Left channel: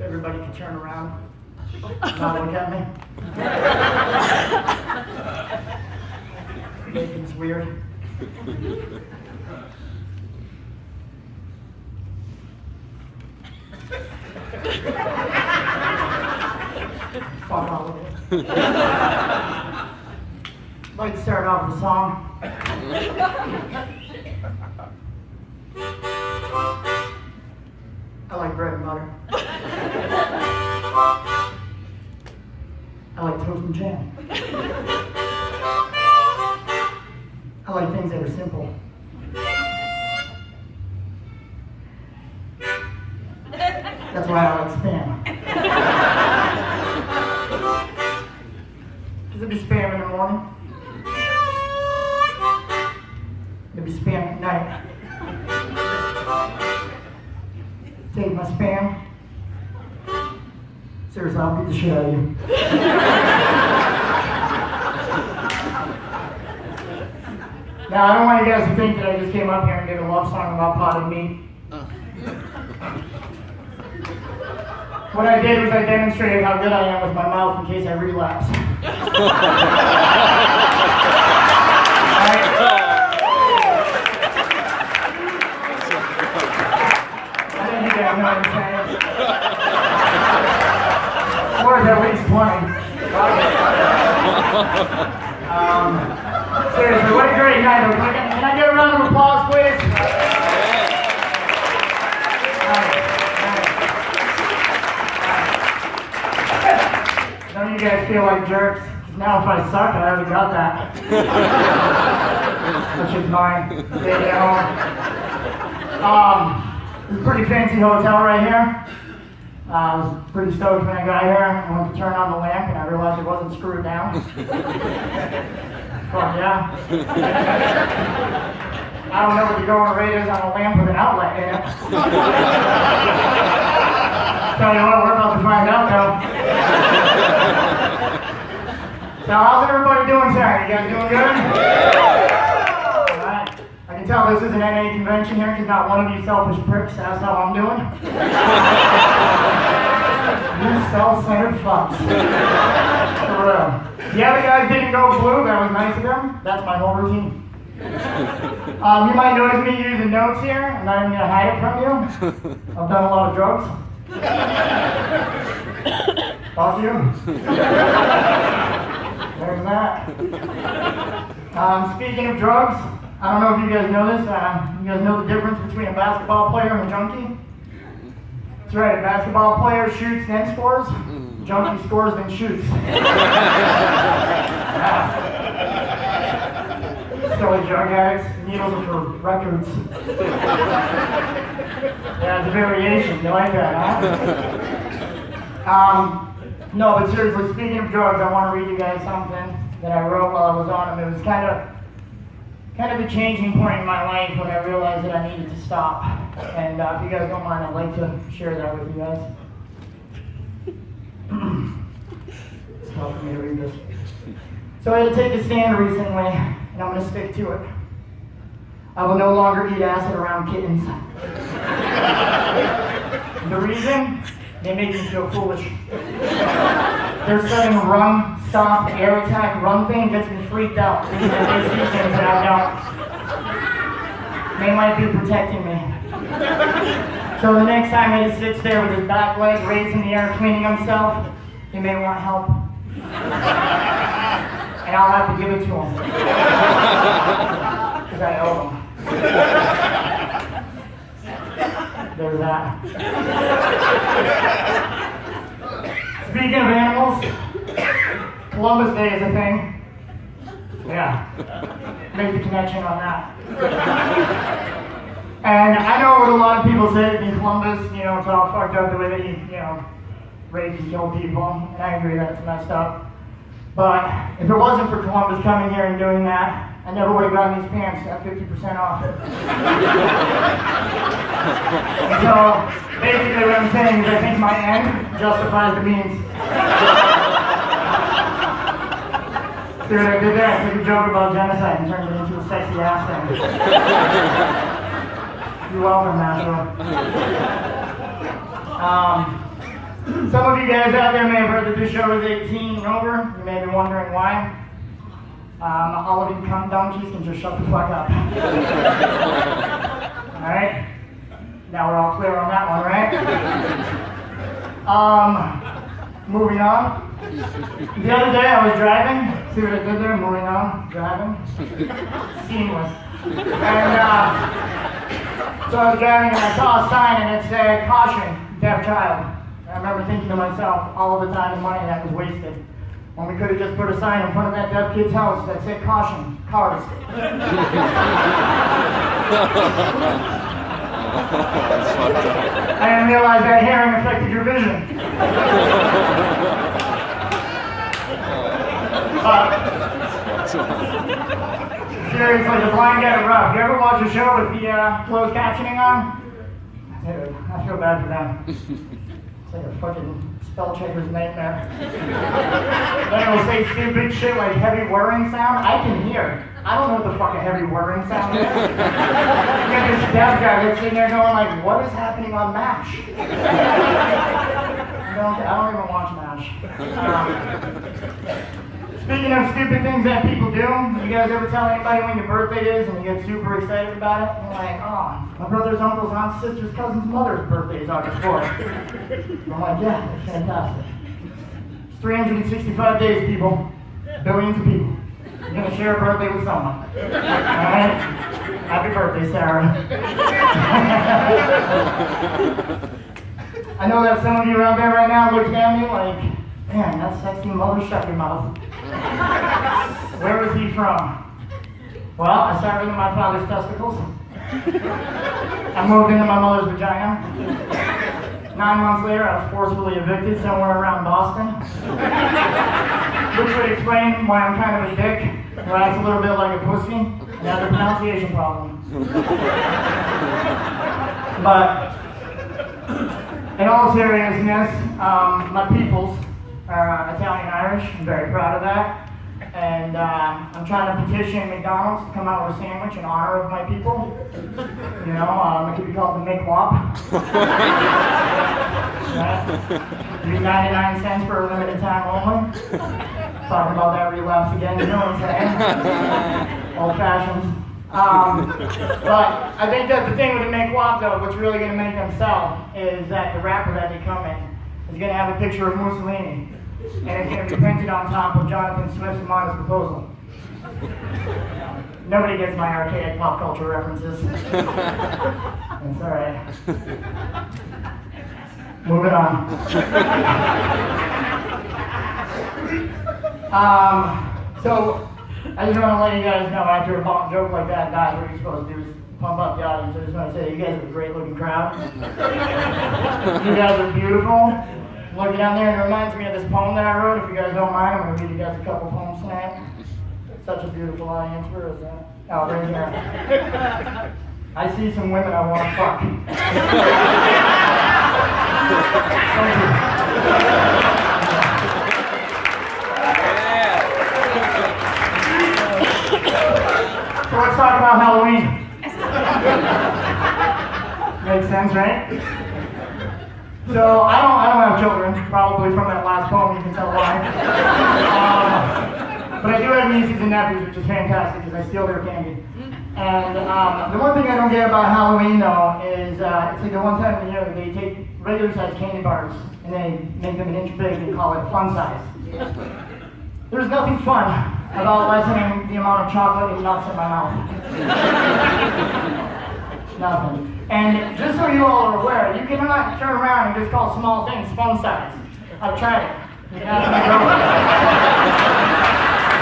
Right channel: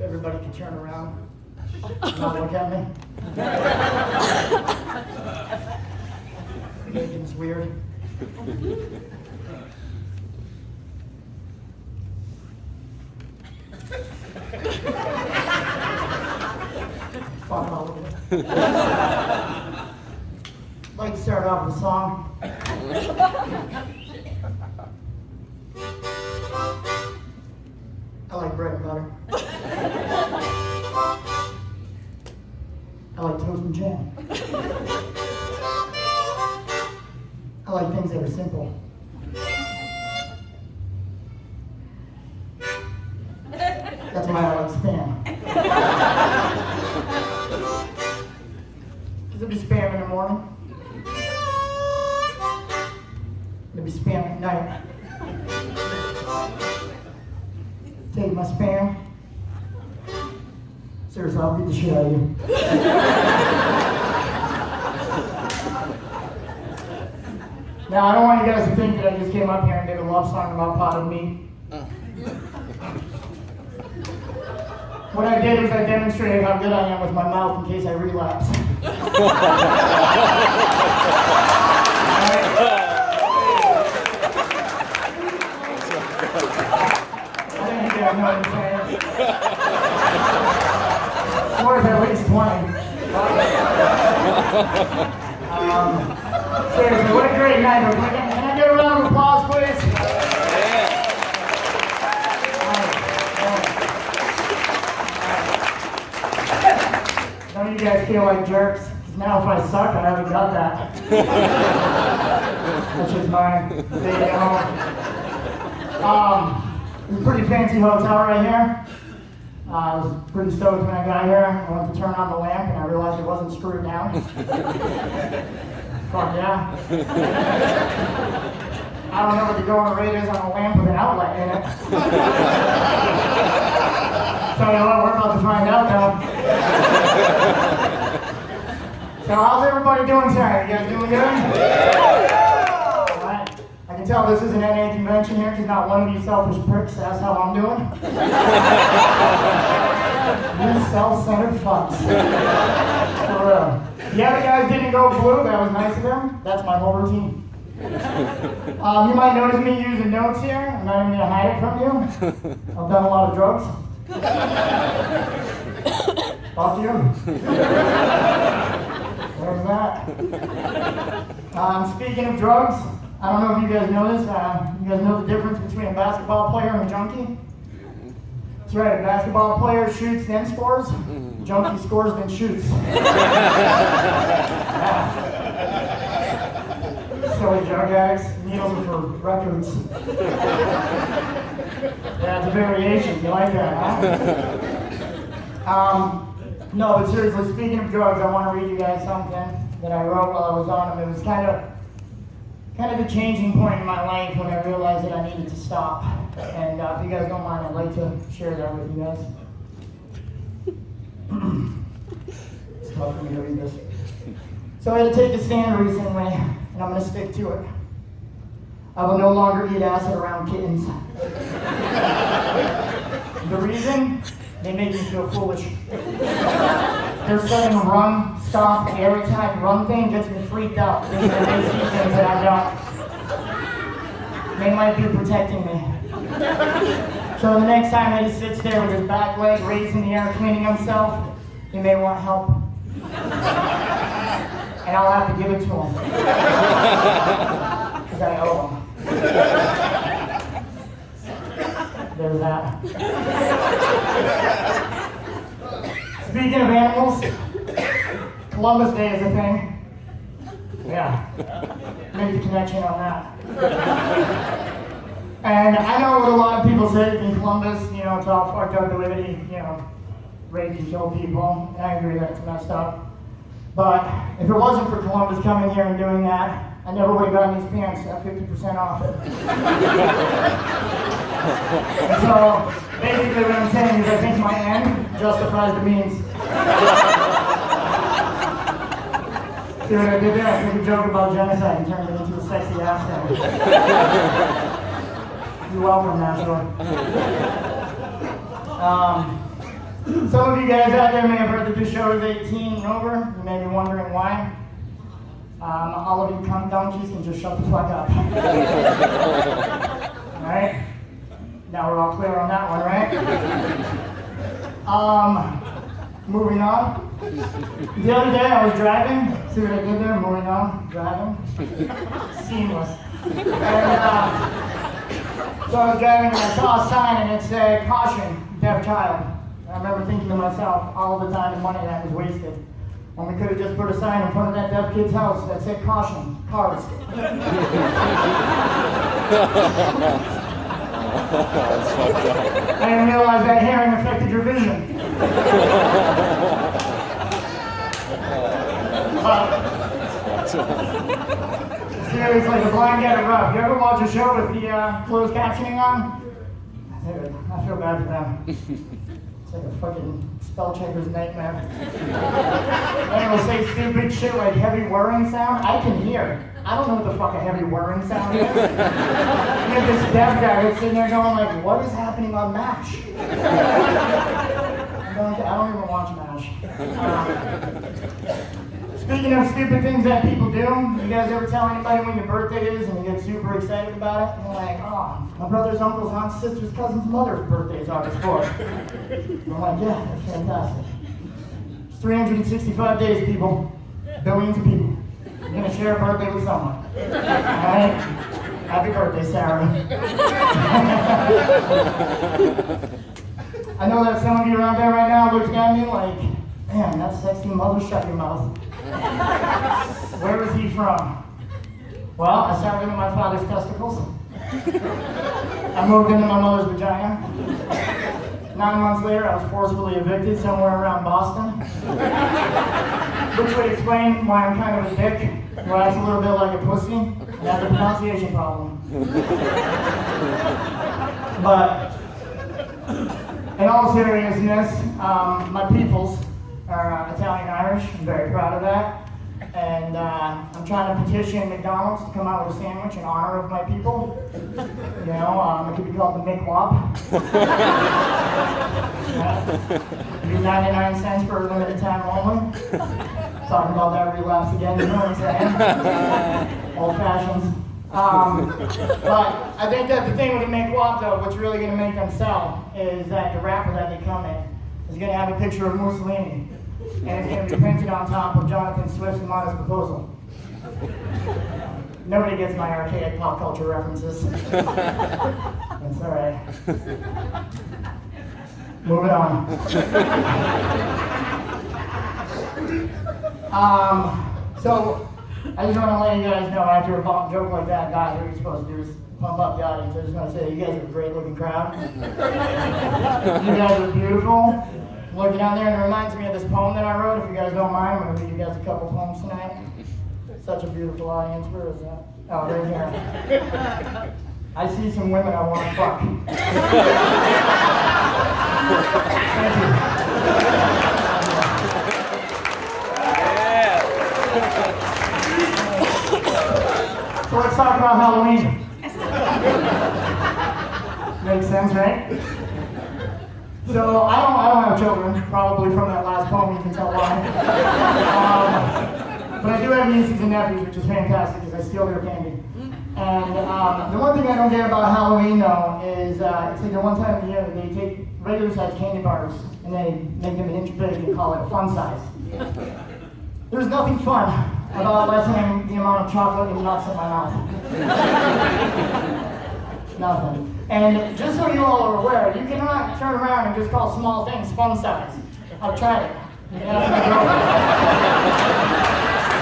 Everybody can turn around. Not look at me. Making weird. Fuck all of it. I'd like to start off with a song. I like bread and butter. I like toast and jam. I like things that are simple. That's why I like spam. Because it'd be spam in the morning. It'd be spam at night. Take my spam. Seriously, I'll beat the shit out of you. Now, I don't want you guys to think that I just came up here and did a love song about potted meat. What I did was I demonstrated how good I am with my mouth in case I relapse. I think you guys know what I'm saying. Worth at least 20. Seriously, what a great night. Can I get a round of applause, please? Don't you guys feel like jerks? Now if I suck, I already got that. Which is mine. Take it home. It's a pretty fancy hotel right here. I was pretty stoked when I got here. I went to turn on the lamp and I realized it wasn't screwed down. Fuck yeah. I don't know what the going rate is on a lamp with an outlet in it. Tell you what, we're about to find out though. So how's everybody doing tonight? You guys doing good? Alright. I can tell this is an NA convention here because not one of you selfish pricks asked how I'm doing. You self-centered fucks. For real. The other guys didn't go blue, that was nice of them. That's my whole routine. You might notice me using notes here. I'm not even going to hide it from you. I've done a lot of drugs. Fuck you. There's that. Speaking of drugs, I don't know if you guys know this. You guys know the difference between a basketball player and a junkie? That's right, a basketball player shoots then scores. A junkie scores then shoots. Silly drug addicts, needles are for records. Yeah, it's a variation. You like that, huh? No, but seriously, speaking of drugs, I want to read you guys something that I wrote while I was on them. It was kind of a changing point in my life when I realized that I needed to stop. And if you guys don't mind, I'd like to share that with you guys. It's tough for me to read this. So I had to take a stand recently, and I'm going to stick to it. I will no longer eat acid around kittens. The reason? They make me feel foolish. Their sudden run, stop, air attack, run thing gets me freaked out. They see things that I don't. They might be protecting me. So the next time he just sits there with his back leg raised in the air cleaning himself, he may want help. And I'll have to give it to him. Because I owe him. There's that. Speaking of animals, Columbus Day is a thing. Yeah. Make the connection on that. And I know what a lot of people say in Columbus, it's all fucked up the way that you rape and kill people. And I agree that's messed up. But if it wasn't for Columbus coming here and doing that, I never would have gotten these pants at 50% off. And so, basically what I'm saying is I think my end justifies the means. Dude, I did that. I took a joke about genocide and turned it into a sexy accent. You're welcome, nashua. Some of you guys out there may have heard that this show is 18 and over. You may be wondering why. All of you cum donkeys can just shut the fuck up. Alright? Now we're all clear on that one, right? Moving on. The other day I was driving. See what I did there? Moving on. Driving. Seamless. And so I was driving and I saw a sign and it said, "Caution, deaf child." I remember thinking to myself, all of the time and money that was wasted. When we could have just put a sign in front of that deaf kid's house that said, "Caution, cars." I didn't realize that hearing affected your vision. Seriously, the blind get it rough. You ever watch a show with the closed captioning on? Dude, I feel bad for them. It's like a fucking spell checker's nightmare. Then it'll say stupid shit like heavy whirring sound. I can hear. I don't know what the fuck a heavy whirring sound is. You get this deaf guy that's sitting there going like, "What is happening on MASH?" I don't even watch MASH. Speaking of stupid things that people do, you guys ever tell anybody when your birthday is and you get super excited about it? And you're like, "Oh, my brother's uncle's aunt's sister's cousin's mother's birthday is August 4th. I'm like, "Yeah, that's fantastic." It's 365 days, people. Billions of people. You're going to share a birthday with someone. Alright? Happy birthday, Sarah. I know that some of you around there right now looking at me like, "Man, that sexy mother shut your mouth." Where was he from? Well, I started into my father's testicles. I moved into my mother's vagina. 9 months later, I was forcefully evicted somewhere around Boston. Which would explain why I'm kind of a dick, where I act a little bit like a pussy, and have a pronunciation problem. But, in all seriousness, my peoples are Italian-Irish. I'm very proud of that. And I'm trying to petition McDonald's to come out with a sandwich in honor of my people. You know, it could be called the McWhop. Right? It'd be 99 cents for a limited time only. Talking about that relapse again, you know what I'm saying? Old fashions. But I think that the thing with the McWhop, though, what's really going to make them sell is that the wrapper that they come in is going to have a picture of Mussolini. And it's going to be printed on top of Jonathan Swift's and Mama's proposal. Nobody gets my archaic pop culture references. It's alright. Moving on. So, I just want to let you guys know, after a bomb joke like that dies, what you're supposed to do is pump up the audience. I just want to say, you guys are a great looking crowd. You guys are beautiful. Looking down there, and it reminds me of this poem that I wrote. If you guys don't mind, I'm going to read you guys a couple poems tonight. Such a beautiful audience. Where is that? Oh, right here. I see some women I want to fuck. Thank you. So let's talk about Halloween. Makes sense, right? So I don't have children, probably from that last poem you can tell why. But I do have nieces and nephews, which is fantastic because I steal their candy. And the one thing I don't get about Halloween though is it's like the one time of the year they take regular sized candy bars and they make them an inch big and call it a fun size. There's nothing fun about lessening the amount of chocolate and nuts in my mouth. Nothing. And just so you all are aware, you cannot turn around and just call small things fun size. I've tried it. You can ask my girlfriend.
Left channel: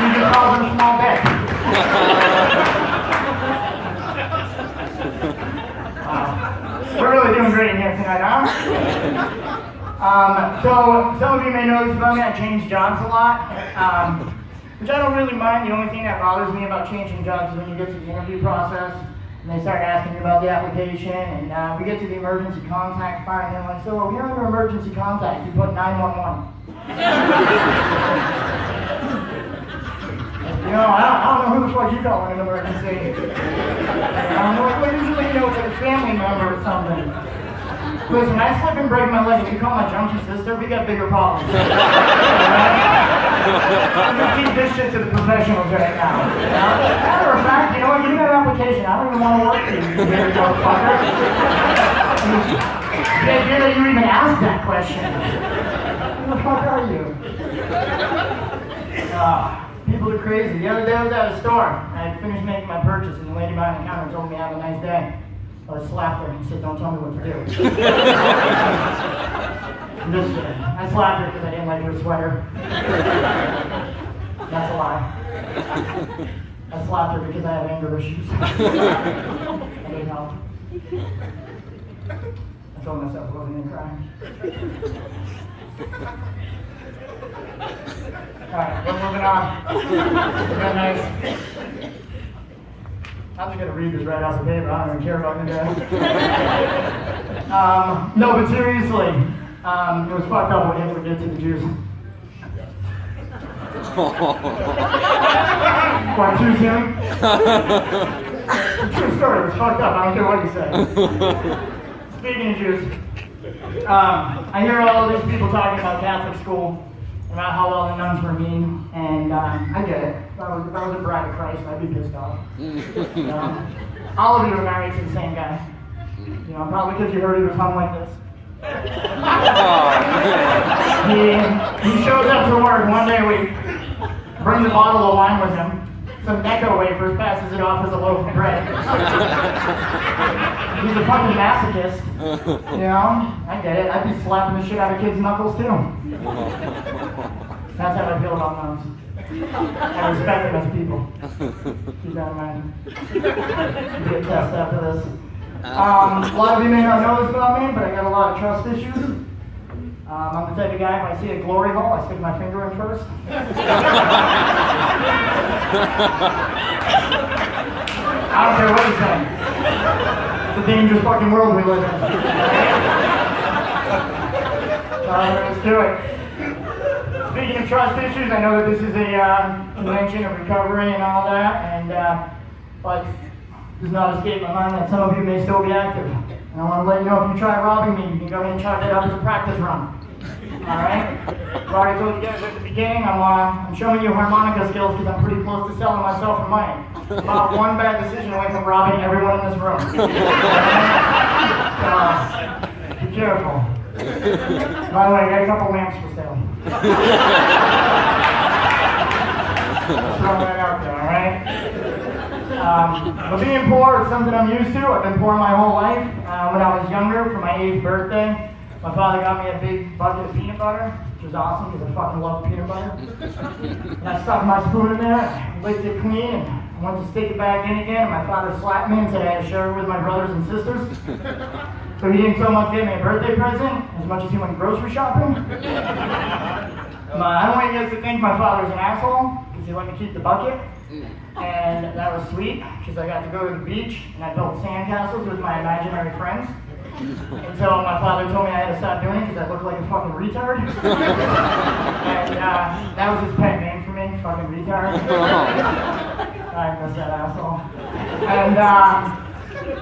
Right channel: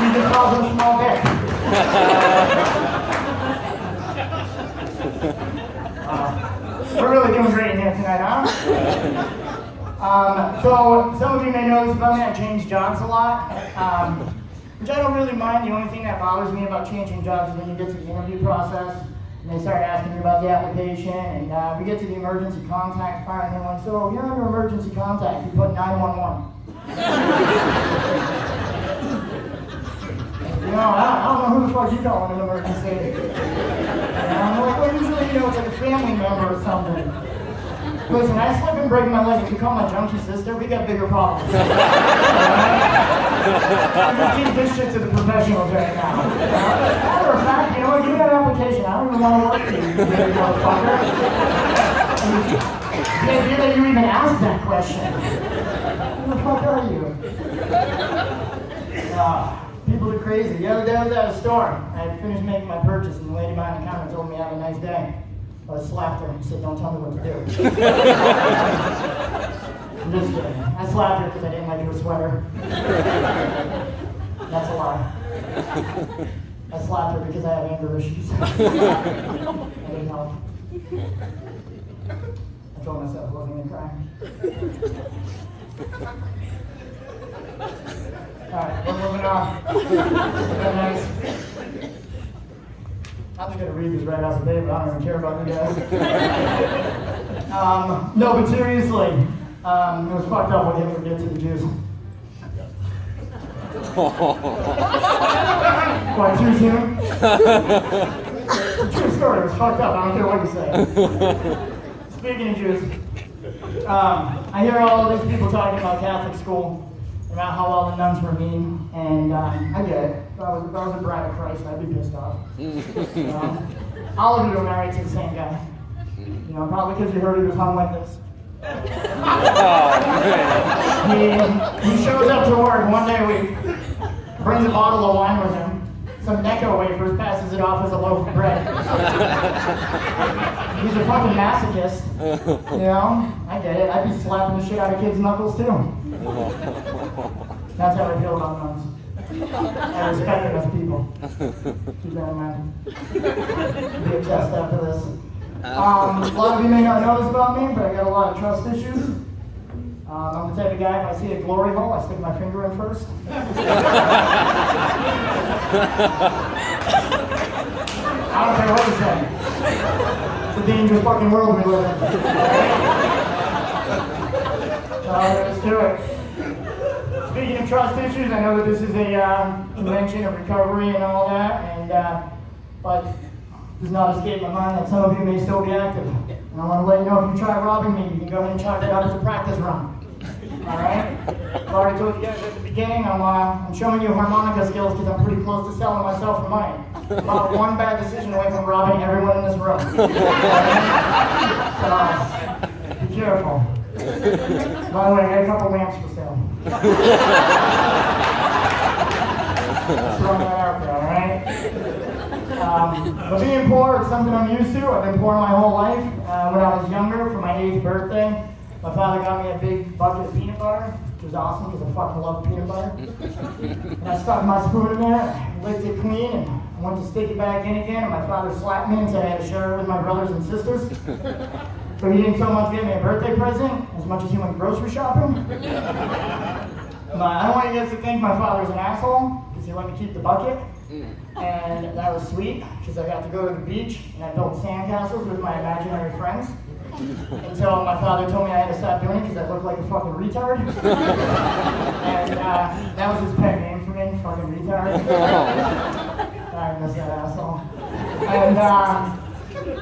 You just call them small dick. We're really doing great in here tonight, huh? So some of you may know this about me, I change jobs a lot. Which I don't really mind. The only thing that bothers me about changing jobs is when you get to the interview process and they start asking you about the application, and we get to the emergency contact part, and they're like, "So you're under emergency contact, you put 911. You know, I don't know who the fuck you call in an emergency. And I'm like, well, usually, you know, it's like a family member or something. Listen, I just haven't breaking my leg. If you call my junkie sister, we got bigger problems. Just keep this shit to the professionals right now. Matter of fact, you know what? Give me that application. I don't even want to work for you, you motherfucker. The idea that you even asked that question. Who the fuck are you? People are crazy. The other day I was at a store. I had finished making my purchase, and the lady behind the counter told me have a nice day. I slapped her and said, don't tell me what to do. I'm just kidding. I slapped her because I didn't like her sweater. That's a lie. I slapped her because I have anger issues. I didn't help. I told myself I wasn't going to cry. Alright, we're moving on. Real nice. I'm just going to read this right off the paper. I don't even care about you guys. No, but seriously, it was fucked up what Hitler did to the Jews. What, too soon? It's a true story. It was fucked up. I don't care what you say. Speaking of Jews, I hear all these people talking about Catholic school, about how all the nuns were mean, and I get it. If I was a bride of Christ, I'd be pissed off. You know? All of you are married to the same guy. You know, probably because you heard he was hung like this. He shows up to work one day a week, brings a bottle of wine with him, some Necco wafers, passes it off as a loaf of bread. He's a fucking masochist. You know? I get it. I'd be slapping the shit out of kids' knuckles too. That's how I feel about nuns. I respect them as people. Keep that in mind. Be a test after this. A lot of you may not know this about me, but I got a lot of trust issues. I'm the type of guy, if I see a glory hole, I stick my finger in first. I don't care what you're saying. It's a dangerous fucking world we live in. Let's do it. Speaking of trust issues, I know that this is a convention of recovery and all that, and but it does not escape my mind that some of you may still be active. And I want to let you know if you try robbing me, you can go ahead and chalk that up as a practice run. Alright? I already told you guys at the beginning, I'm showing you harmonica skills because I'm pretty close to selling myself for money. About one bad decision away from robbing everyone in this room. So, be careful. By the way, I got a couple lamps for sale. Let's throw that out there, alright? But being poor is something I'm used to. I've been poor my whole life. When I was younger, for my 8th birthday, my father got me a big bucket of peanut butter, which was awesome because I fucking love peanut butter. And I stuck my spoon in there, licked it clean, and I went to stick it back in again, and my father slapped me and said I had to share it with my brothers and sisters. So he didn't so much give me a birthday present as much as he went grocery shopping. I don't want you guys to think my father was an asshole because he let me keep the bucket. And that was sweet because I got to go to the beach and I built sandcastles with my imaginary friends. Until my father told me I had to stop doing it because I looked like a fucking retard. And that was his pet name for me, fucking retard. I miss that asshole. And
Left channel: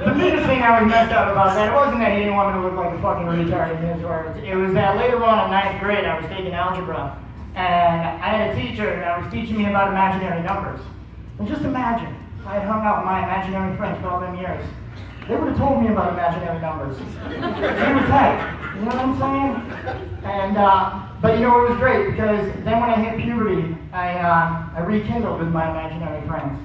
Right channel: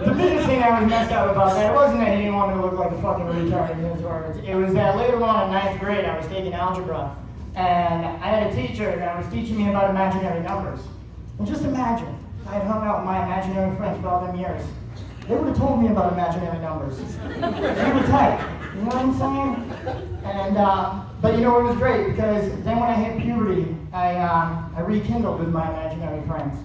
the biggest thing I was messed up about that wasn't that he didn't want me to look like a fucking retard in his words. It was that later on in 9th grade I was taking algebra. And I had a teacher that was teaching me about imaginary numbers. And just imagine, if I had hung out with my imaginary friends for all them years. They would have told me about imaginary numbers. They were tight, you know what I'm saying? And, but you know, it was great because then when I hit puberty, I rekindled with my imaginary friends.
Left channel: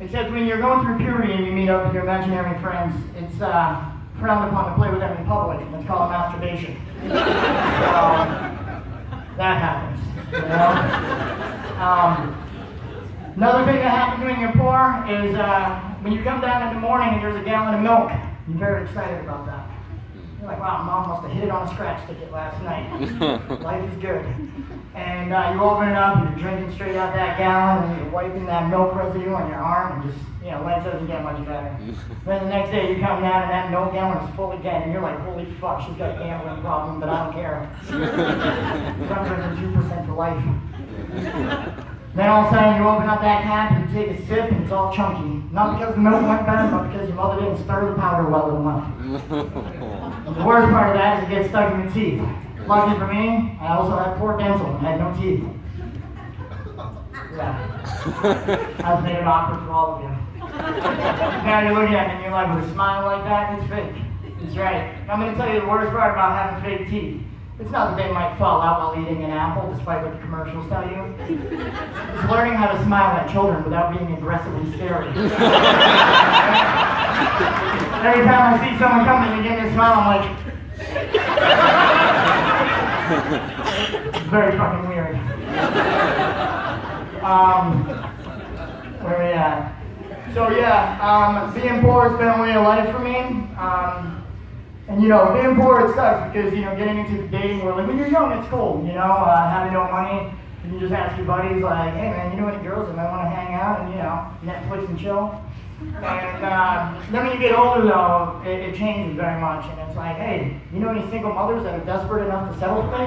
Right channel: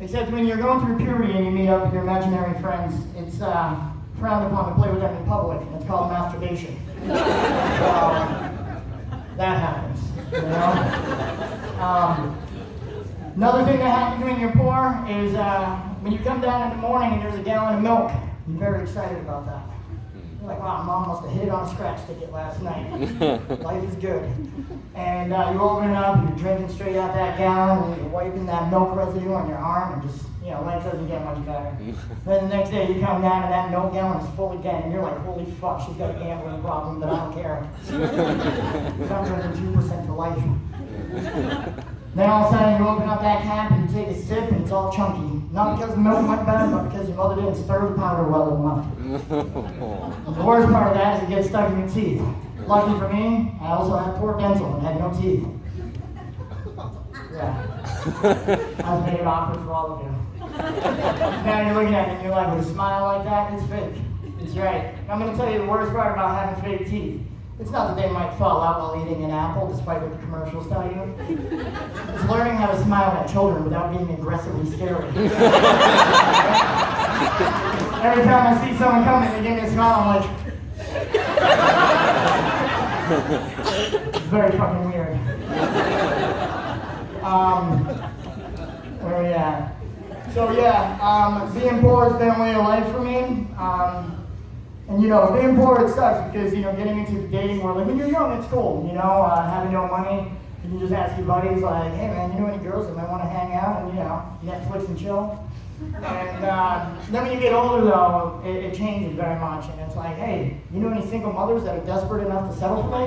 Except when you're going through puberty and you meet up with your imaginary friends, it's frowned upon to play with them in public. It's called masturbation. So, that happens, you know? Another thing that happens when you're poor is when you come down in the morning and there's a gallon of milk, you're very excited about that. You're like, wow, Mom must have hit it on a scratch ticket last night. Life is good. And you open it up and you're drinking straight out that gallon and you're wiping that milk residue on your arm and just, you know, life doesn't get much better. Then the next day you come down and that milk gallon is full again and you're like, holy fuck, she's got a gambling problem, but I don't care. I'm drinking 2% for life. Then all of a sudden you open up that cap and you take a sip and it's all chunky. Not because the milk went bad, but because your mother didn't stir the powder well enough. The worst part of that is it gets stuck in your teeth. Lucky for me, I also had poor dental and had no teeth. Yeah. I've made it awkward for all of you. Now you're looking at me and you're like, with a smile like that, it's fake. It's right. I'm going to tell you the worst part about having fake teeth. It's not that they might fall out while eating an apple, despite what the commercials tell you. It's learning how to smile at children without being aggressively scary. Every time I see someone coming and give me a smile, I'm like, it's very fucking weird. Where are we at? So yeah, being poor has been a way of life for me. And you know, being poor, it sucks because, you know, getting into the dating world, like when you're young, it's cool, you know, having no money, and you just ask your buddies, like, hey man, you know any girls that might want to hang out and, you know, Netflix and chill? And then when you get older, though, it changes very much, and it's like, hey, you know any single mothers that are desperate enough to settle for me?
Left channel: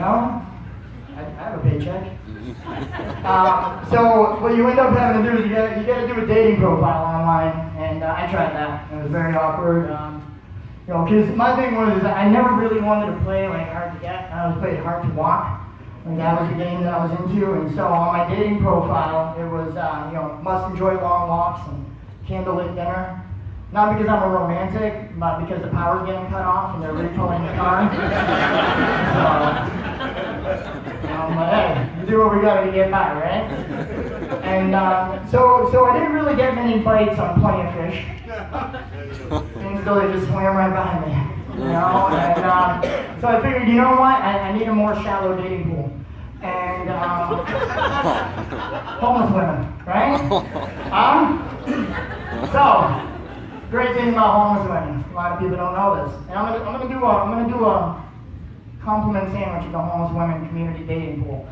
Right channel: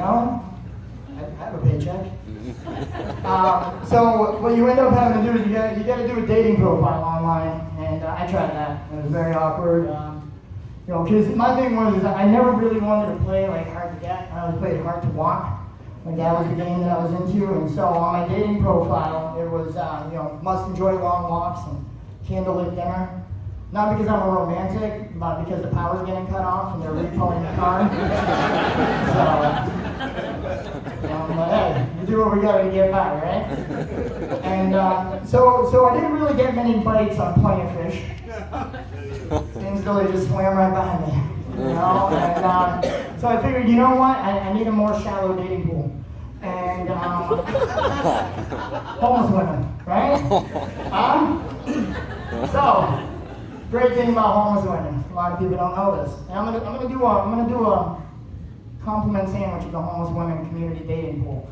No? I have a paycheck. So what you end up having to do is you got to do a dating profile online, and I tried that. It was very awkward. You know, because my thing was is I never really wanted to play like hard to get. I always played hard to walk. And that was the game that I was into. And so on my dating profile, it was you know, must enjoy long walks and candlelit dinner. Not because I'm a romantic, but because the power's getting cut off and they're recalling the car. So, you know, but hey, we do what we gotta to get by, right? And so I didn't really get many bites on plenty of fish. Things really just swam right by me, you know? And so I figured, you know what? I need a more shallow dating pool. And homeless women, right? So, great thing about homeless women. A lot of people don't know this. And I'm gonna do a compliment sandwich of the homeless women community dating pool.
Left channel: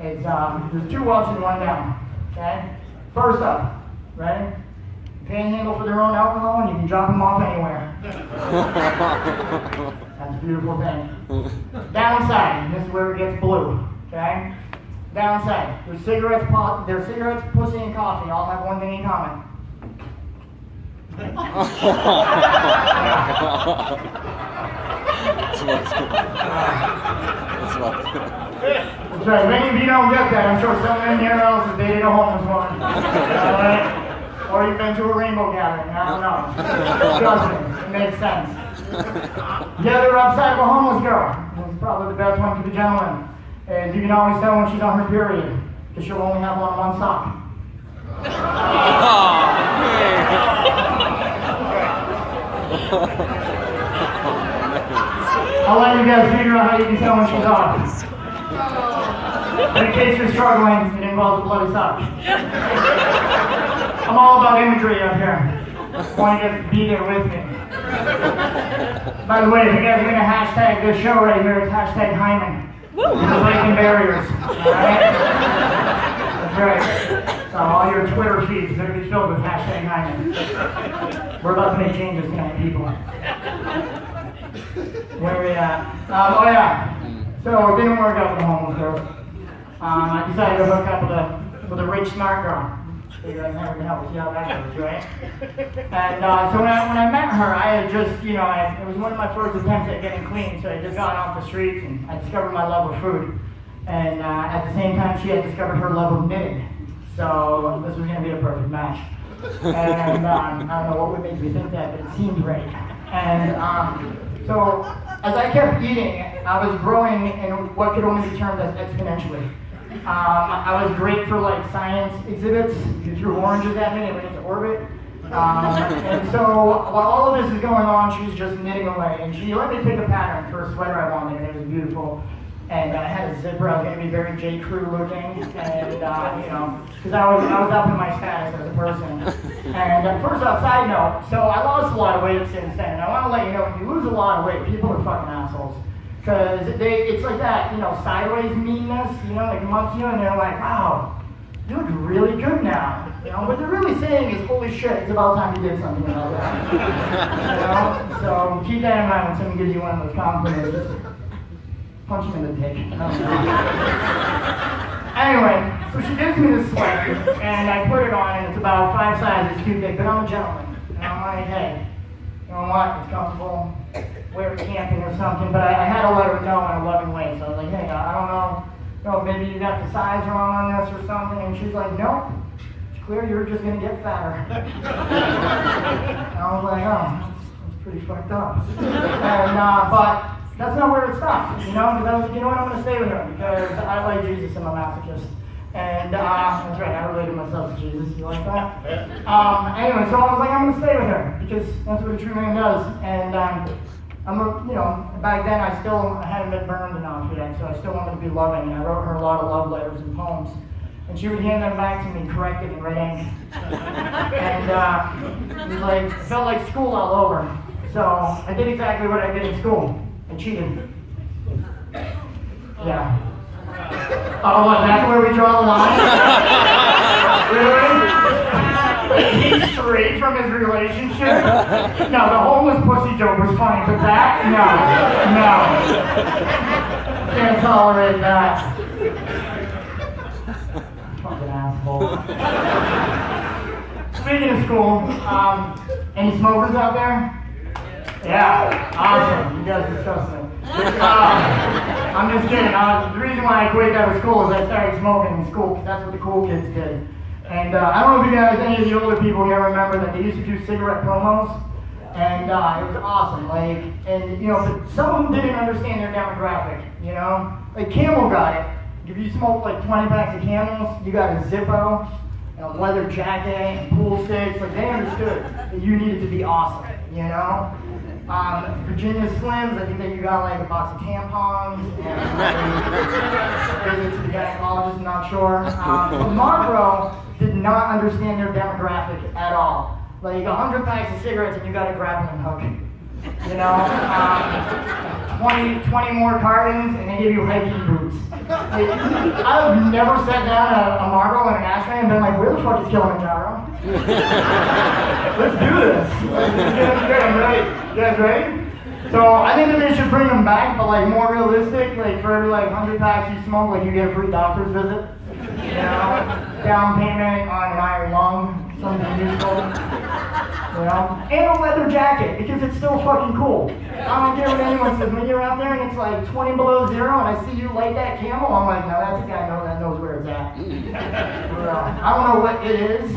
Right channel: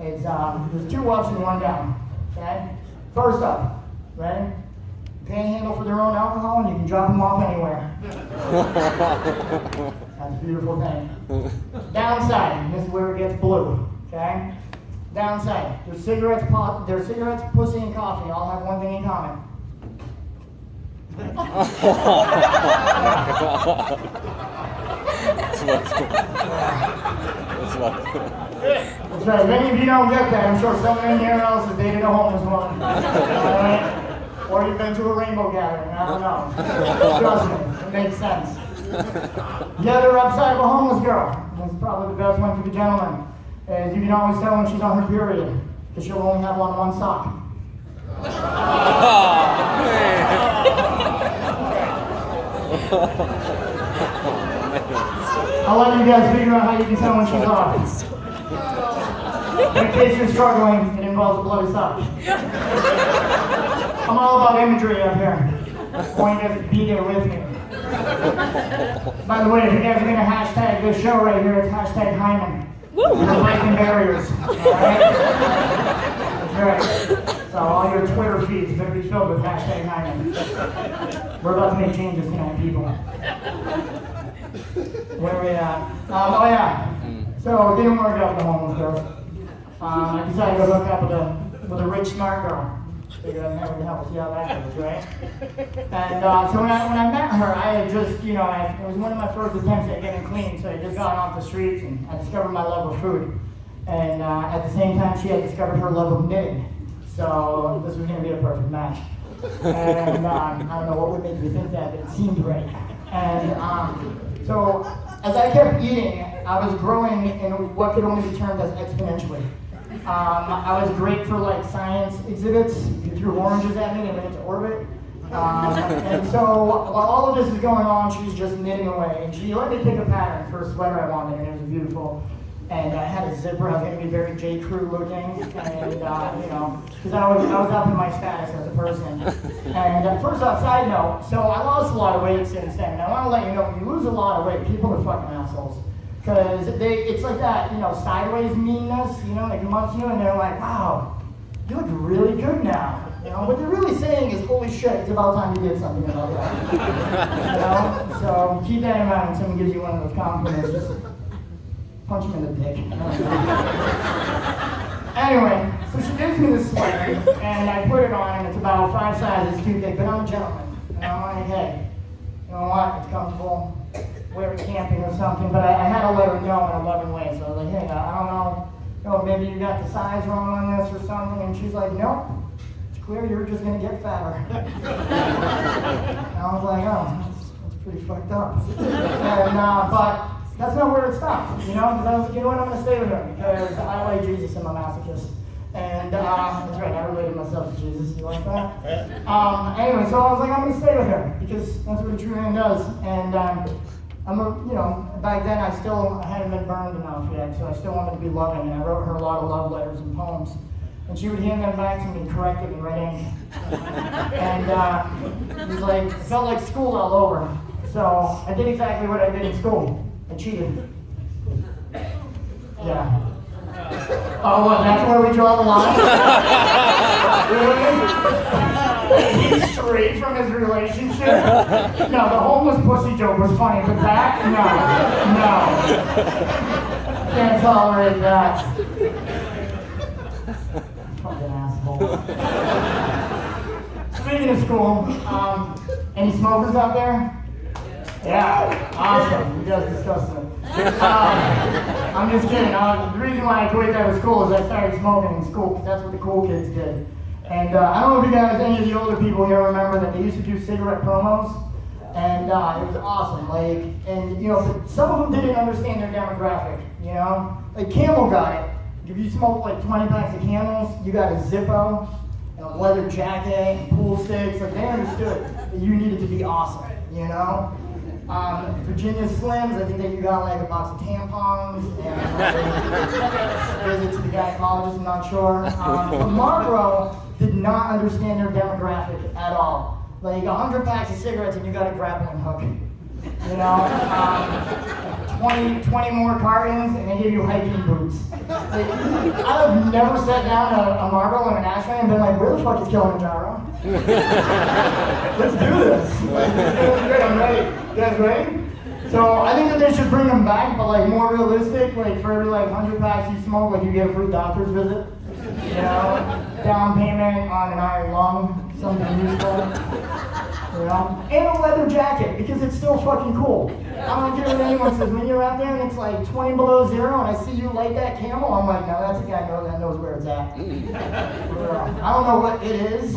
It's there's two ups and one down. Okay? First up, right? Panhandle for their own alcohol and you can drop them off anywhere. That's a beautiful thing. Downside, this is where it gets blue. Okay? Downside, their cigarettes, pussy, and coffee all have one thing in common. That's right. Many of you don't get that. I'm sure someone in here else has dated a homeless woman. Right? Or you've been to a rainbow gathering. I don't know. Trust me, it makes sense. The other upside of a homeless girl, and it's probably the best one for the gentleman, is you can always tell when she's on her period, because she'll only have on one sock. I'll let you guys figure out how you can tell when she's off. But in case you're struggling, it involves a bloody sock. I'm all about imagery up here. I want you guys to be there with me. By the way, if you guys are going to hashtag this show right here, it's hashtag Hyman. Breaking barriers. Alright? That's right. So all your Twitter feeds are going to be filled with hashtag Hyman. We're about to make changes tonight, people. Where are we at? Oh yeah. So it didn't work out with the homeless girls. I decided to hook up with a rich, smart girl. Figured I'd never help see how that goes, right? And so when I met her, I had just, you know, it was one of my first attempts at getting clean, so I just got off the streets and I discovered my love of food. And at the same time, she had discovered her love of knitting. So this was going to be a perfect match. And I don't know what would make me think that, but it seemed right. And so as I kept eating, I was growing in what could only be termed as exponentially. I was great for like science exhibits. You threw oranges at me and went into orbit. And so while all of this is going on, she's just knitting away. And she let me pick a pattern for a sweater I wanted, and it was beautiful. And I had a zipper. I was going to be very J. Crew looking, and you know, because I was up in my status as a person. And first off, side note, so I lost a lot of weight since then. And I want to let you know, when you lose a lot of weight, people are fucking assholes. Because it's like that, you know, sideways meanness, you know, like amongst you, and they're like, wow, you look really good now. You know, what they're really saying is, holy shit, it's about time you did something like that. You know? So keep that in mind when someone gives you one of those compliments. Just punch him in the dick. I don't know. Anyway, so she gives me this sweater, and I put it on, and it's about 5 sizes too big, but I'm a gentleman. And I'm like, hey, you know what, it's comfortable, wear it camping or something, but I had to let her know in a loving way. So I was like, hey, I don't know, maybe you got the size wrong on this or something, and she's like, nope, it's clear you're just gonna get fatter. And I was like, oh, that's pretty fucked up. And, but that's not where it stopped, because I was like, you know what, I'm gonna stay with her, because I like Jesus and I'm a masochist. And that's right, I related myself to Jesus, you like that? Anyway, so I was like, I'm gonna stay with her, because that's what a true man does. And back then I hadn't been burned enough yet, so I still wanted to be loving, and I wrote her a lot of love letters and poems. And she would hand them back to me corrected in red ink. And it was like, it felt like school all over. So I did exactly what I did in school. I cheated. Yeah. Oh, what, that's where we draw the line? Really? He's straight from his relationship? No, the homeless pussy joke was funny, but that? No. Can't tolerate that. Fucking asshole. Speaking of school, any smokers out there? Yeah, awesome. You guys are disgusting. I'm just kidding. The reason why I quit out of school is I started smoking in school, because that's what the cool kids did. And I don't know if you guys, any of the older people here remember that they used to do cigarette promos, and it was awesome. But some of them didn't understand their demographic. Like Camel got it. If you smoke like 20 packs of Camels, you got a Zippo, a leather jacket, and pool sticks. Like they understood that you needed to be awesome. Virginia Slims, I think that you got like a box of tampons and visit to the gynecologist, I'm not sure. Marlboro did not understand their demographic at all. Like 100 packs of cigarettes and you got a grappling hook. 20 more cartons and they give you hiking boots. Like, I've never sat down a Marlboro in an ashtray and been like, where the fuck is Kilimanjaro? Let's do this. I'm ready. You guys ready? So I think that they should bring them back, but like more realistic. Like for every 100 packs you smoke, like you get a free doctor's visit. Down payment on an iron lung, something useful. And a leather jacket, because it's still fucking cool. I don't care what anyone says. When you're out there and it's like 20 below zero and I see you light that Camel, I'm like, no, that's a guy that knows where it's at. I don't know what it is,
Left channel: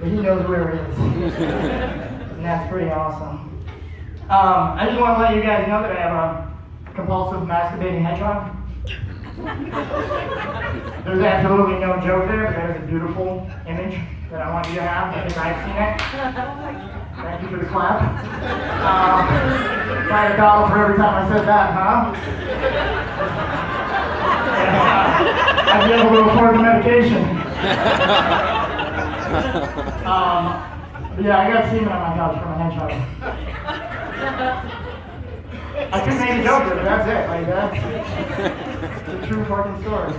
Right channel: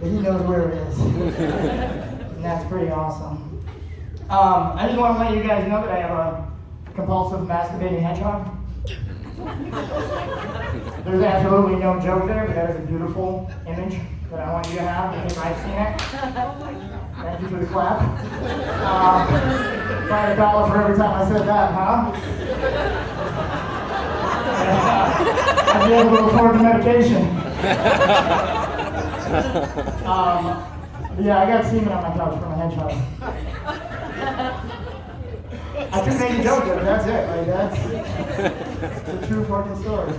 but he knows where it is. And that's pretty awesome. I just want to let you guys know that I have a compulsive masturbating hedgehog. There's absolutely no joke there, but that is a beautiful image that I want you to have because I've seen it. Thank you for the clap. $5 for every time I said that, huh? I'd be able to afford the medication. Yeah, I got semen on my couch from a hedgehog. I couldn't make a joke, but that's it. Like, that's the true fucking story.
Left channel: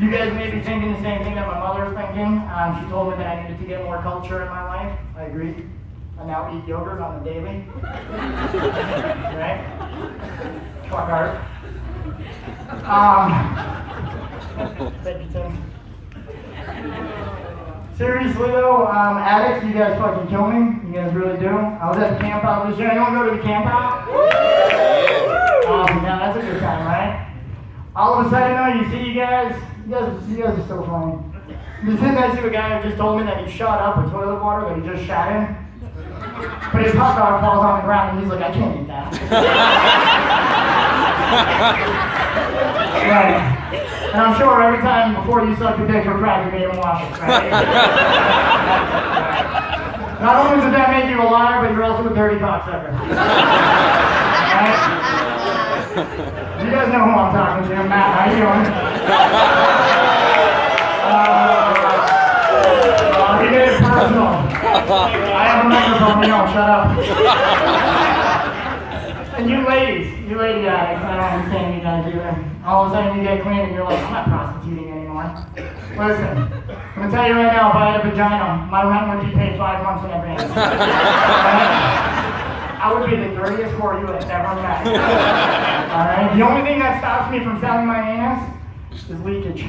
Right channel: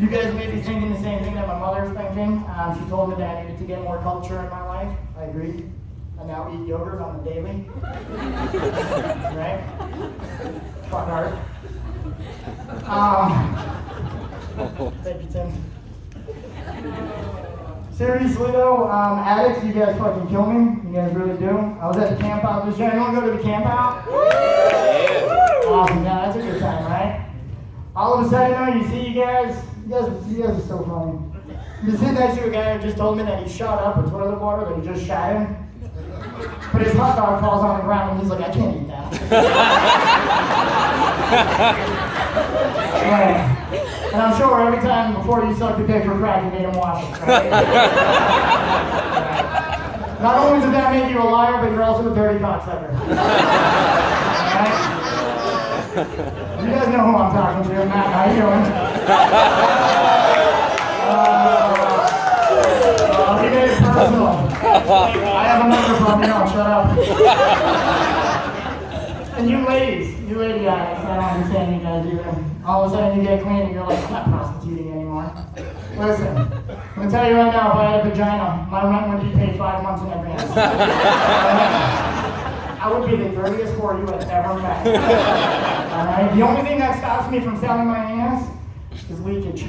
You guys may be thinking the same thing that my mother's thinking. She told me that I needed to get more culture in my life. I agree. I now eat yogurt on the daily. Right? Fuck art. Thank you, Tim. Seriously though, addicts, you guys fucking kill me. You guys really do. I was at the camp out this year. Anyone go to the camp out? Awesome, yeah, that's a good time, right? All of a sudden, you see you guys are so funny. You sit next to a guy that just told me that he shot up with toilet water that he just shat in. But his hot dog falls on the ground and he's like, I can't eat that. Right. And I'm sure every time before you suck your dick for crack, you made him wash it, right? Not only does that make you a liar, but you're also a dirty cocksucker. Right? You guys know who I'm talking to. Matt, how you doing? He made it personal. I have a microphone, shut up. And you lady addicts, I don't understand you guys either. All of a sudden you get clean and you're like, I'm not prostituting anymore. Listen, I'm gonna tell you right now, if I had a vagina, my rent would be paid 5 months in advance. I would be the dirtiest whore you have ever met. Alright? The only thing that stops me from selling my ass is leakage.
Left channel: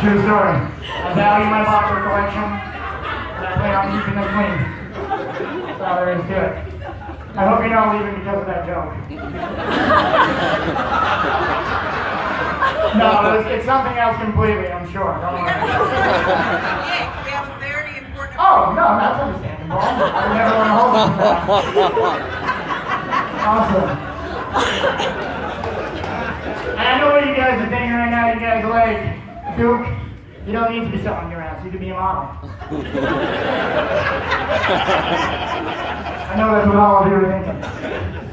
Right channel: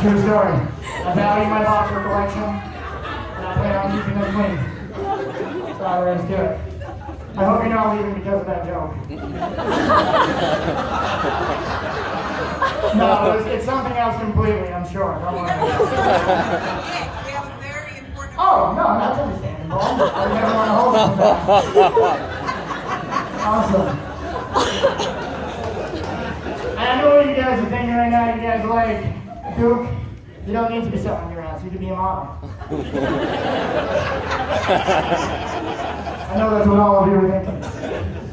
True story. I value my boxer collection, and I plan on keeping them clean. That's all there is to it. I hope you're not leaving because of that joke. No, it's something else completely, I'm sure. Don't worry. We have a very important... Oh, no, that's understandable. I never want to hold you to that. Awesome. And I know what you guys are thinking right now. You guys are like, Duke, you don't need to be selling your ass. You could be a model. I know that's what all of you are thinking.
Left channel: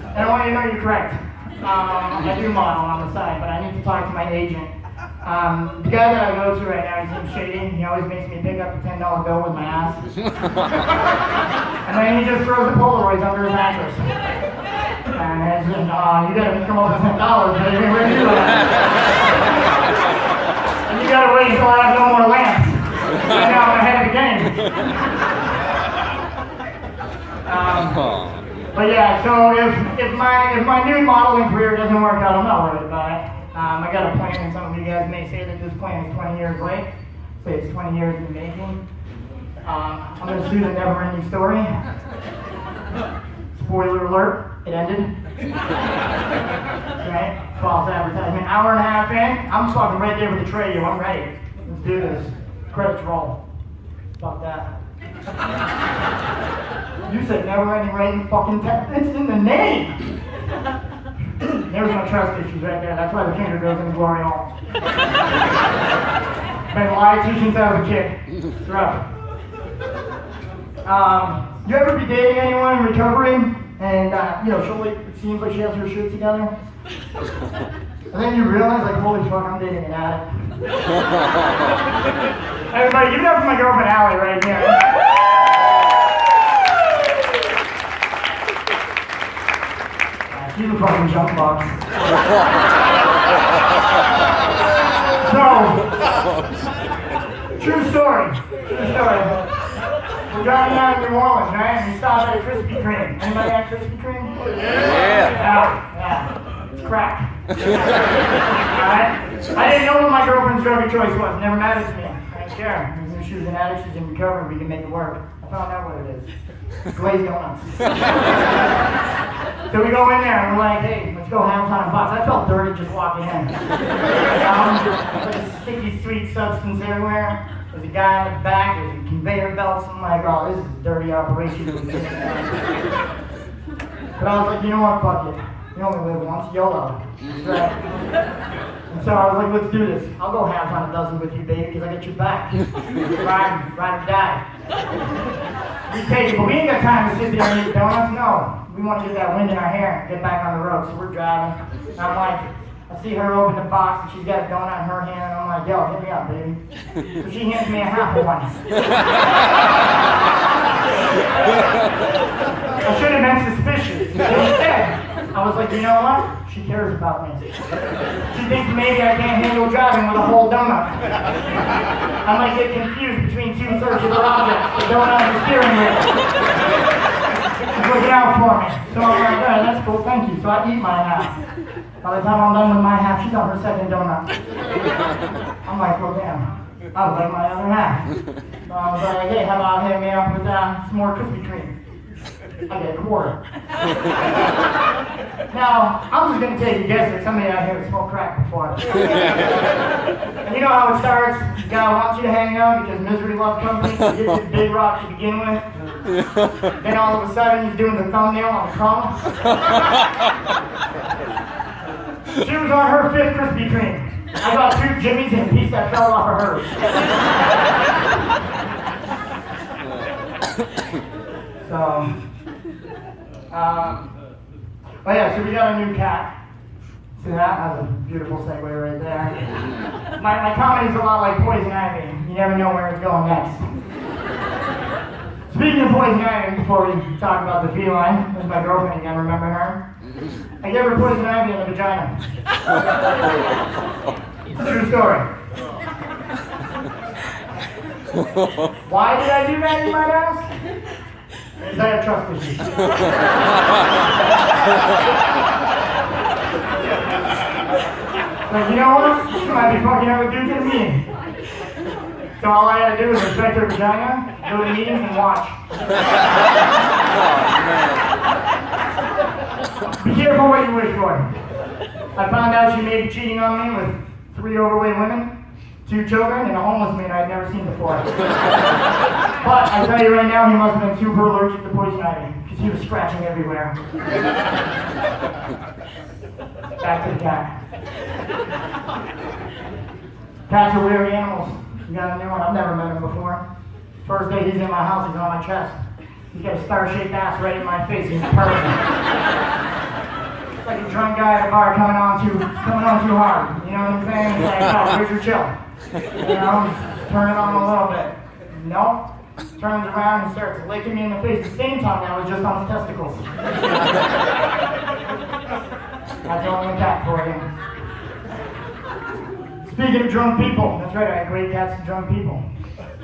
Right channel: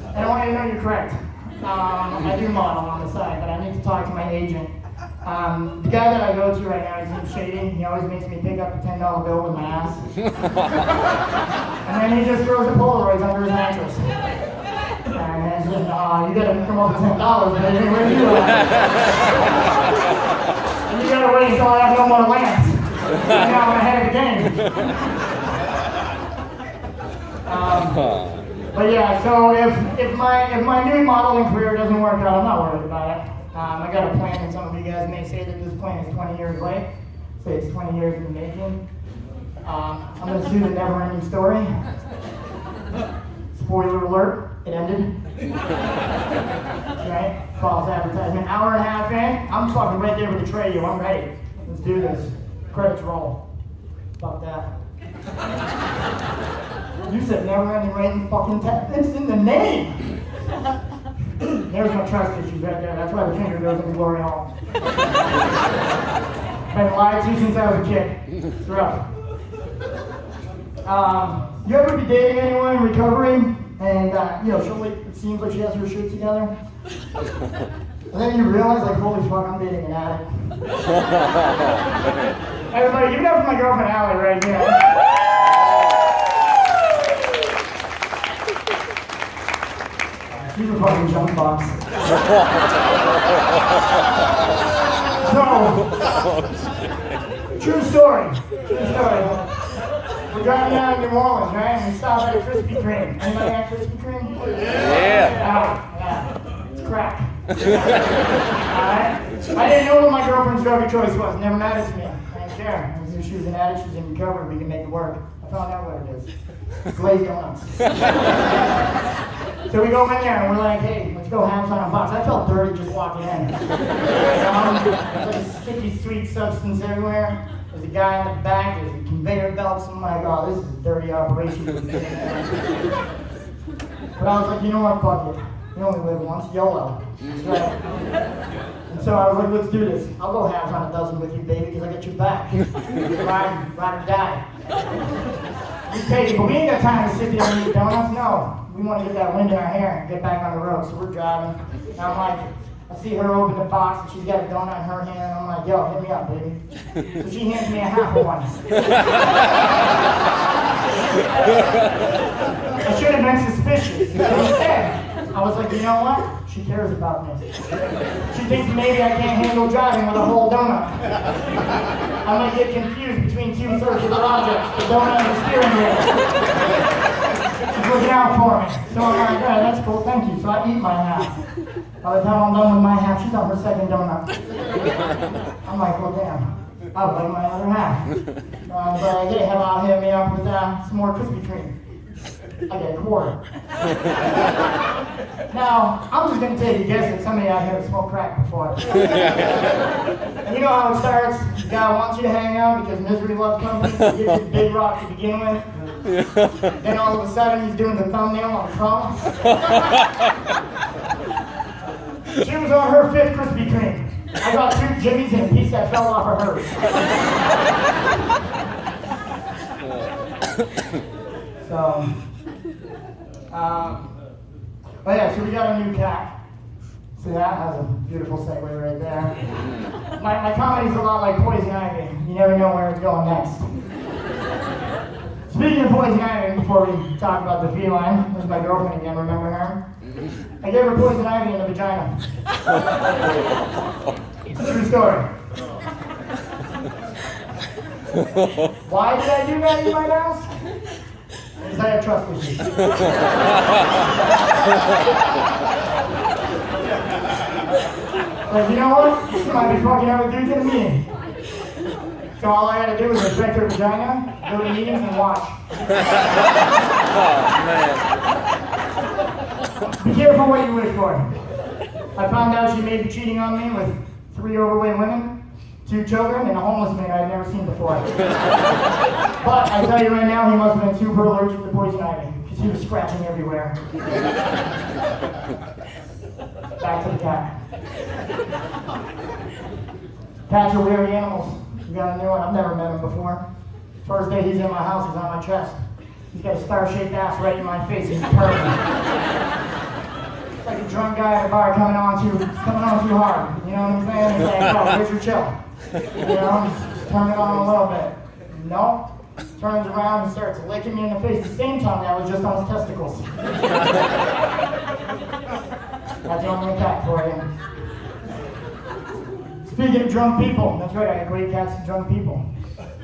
And I want you to know you're correct. I do model on the side, but I need to talk to my agent. The guy that I go to right now, his name's Shady. He always makes me pick up a $10 bill with my ass. And then he just throws the Polaroids under his mattress. And I said, you gotta come up with $10, baby. Where are you at? And you gotta wait until I have no more lamps. I'm not ahead of the game. But yeah, so if my new modeling career doesn't work out, I'm not worried about it. I got a plan, and some of you guys may say that this plan is 20 years late. Say it's 20 years in the making. I'm going to do the never-ending story. Spoiler alert, it ended. Right? False advertisement. Hour and a half in, I'm fucking right there with the tray. I'm ready. Let's do this. Credits roll. Fuck that. You said never-ending right in fucking text. It's in the name. There's my trust issues right there. That's why the finger goes in the glory hole. Been lied to since I was a kid. It's rough. You ever be dating anyone in recovery and it seems like she has her shit together? And then you realize, like, holy fuck, I'm dating an addict. Everybody, give it up for my girlfriend Allie right here. She's a fucking junk box. So, true story. We're going down to New Orleans, right? And we stopped at a Krispy Kreme. Anybody had Krispy Kreme? Yeah. It's crack. Alright? I didn't know what my girlfriend's drug of choice was. Never mattered to me. I didn't care. If she was an addict, she's in recovery, we can make it work. I found out what it is. Glazed donuts. So we go in there and we're like, hey, let's go ham time box. I felt dirty just walking in. Like a sticky, sweet substance everywhere. There's a guy in the back, there's a conveyor belt. So I'm like, oh, this is a dirty operation. But I was like, you know what, fuck it. You only live once, YOLO. That's right. And so I was like, let's do this. I'll go halves on a dozen with you, baby, because I got your back. Ride or die. We take it, but we ain't got time to sit there and eat donuts. No. We want to get that wind in our hair and get back on the road. So we're driving. And I'm like, I see her open the box and she's got a donut in her hand. And I'm like, yo, hit me up, baby. So she hands me a half of one. I should have been suspicious. But instead, I was like, you know what? She cares about me. She thinks maybe I can't handle driving with a whole donut. I might get confused between two circular objects, the donut and the steering wheel. She's looking out for me. So I'm like, all right, that's cool, thank you. So I eat my half. By the time I'm done with my half, she's on her second donut. I'm like, well, damn, I'll like my other half. So I was like, hey, how about hitting me up with some more Krispy Kreme? I get a quarter. Now, I'm just going to take a guess that somebody out here has smoked crack before. And you know how it starts? The guy wants you to hang out because misery loves company, so he gives you the big rock to begin with. Then all of a sudden, he's doing the thumbnail on the cross. She was on her 5th Krispy Kreme. I got 2 Jimmys and a piece that fell off of hers. So, oh yeah, so we got a new cat. See that? That was a beautiful segue right there. My comedy's a lot like Poison Ivy. You never know where it's going next. Speaking of Poison Ivy, before we talk about the feline, this is my girlfriend again, remember her? I gave her Poison Ivy in the vagina. It's a true story. Why did I do that, you might ask? Because I have trust issues. Like, you know what? She might be fucking other dudes than me. So all I had to do was respect her vagina, go to meetings, and watch. Be careful what you wish for. I found out she may be cheating on me with 3 overweight women, 2 children, and a homeless man I had never seen before. But I tell you right now, he must have been super allergic to poison ivy, because he was scratching everywhere. Back to the cat. Cats are weird animals. You got a new one? I've never met him before. First day he's in my house, he's on my chest. He's got a star-shaped ass right in my face. He's perfect. It's like a drunk guy at a bar coming on too hard. You know what I'm saying? It's like, oh, Richard, chill. You know, just turn it on a little bit. Nope. Turns around and starts licking me in the face the same time that was just on his testicles. That's only a cat for you. Speaking of drunk people, that's right, I equate cats to drunk people.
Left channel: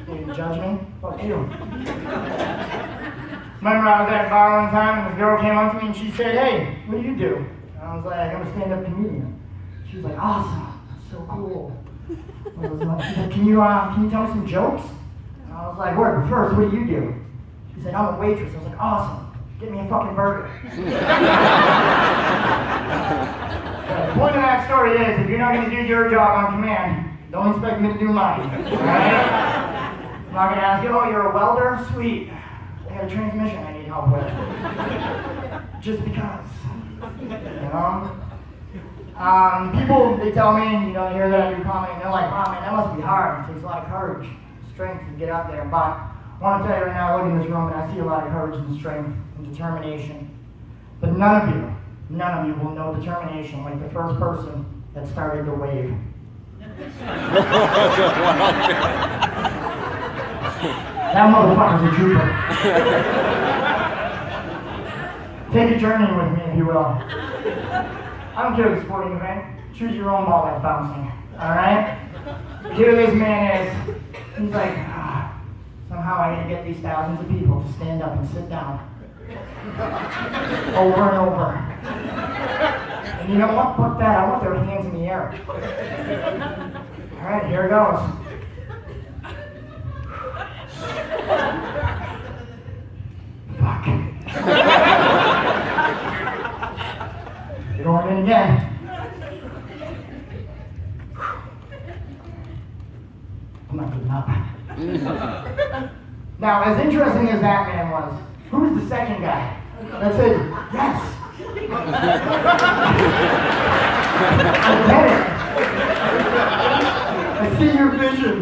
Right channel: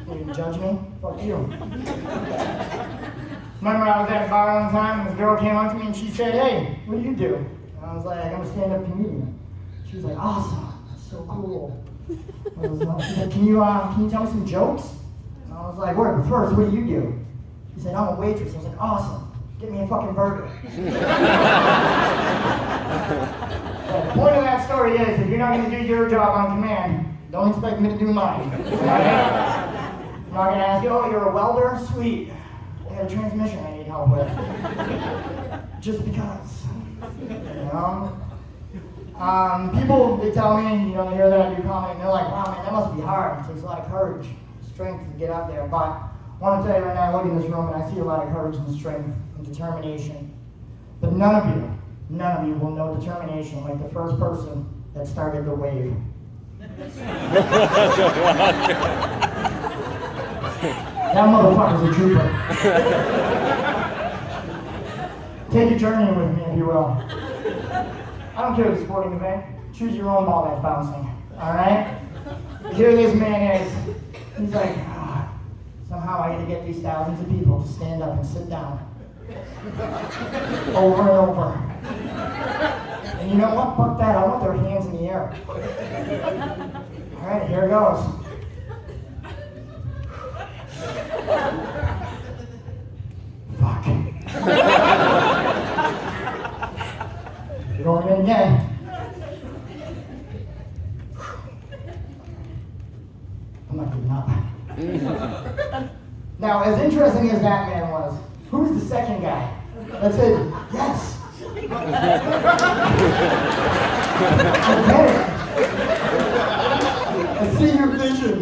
You judge me? Fuck you. Remember I was at a bar one time and this girl came up to me and she said, hey, what do you do? And I was like, I'm a stand-up comedian. She was like, awesome, that's so cool. I was like, she's like, can you tell me some jokes? And I was like, wait, first, what do you do? She said, I'm a waitress. I was like, awesome, get me a fucking burger. The point of that story is, if you're not going to do your job on command, don't expect me to do mine. Right? I'm not going to ask you, oh, you're a welder? Sweet. I got a transmission I need help with. Just because. You know? People, they tell me, you know, they hear that I do comedy, and they're like, wow, man, that must be hard. It takes a lot of courage, strength to get out there. But I want to tell you right now, I look in this room and I see a lot of courage and strength and determination. But none of you will know determination like the first person that started the wave. That motherfucker's a trooper. Take a journey with me, if you will. I don't care the sporting event. Choose your own ball that's bouncing. Alright? Here this man is. He's like, somehow I gotta get these thousands of people to stand up and sit down. Over and over. And you know what? Fuck that. I want their hands in the air. Alright, here it goes. Fuck. Going in again. I'm not giving up. Now, as interesting as that man was, who's the second guy that said, yes? I get it. I see your vision.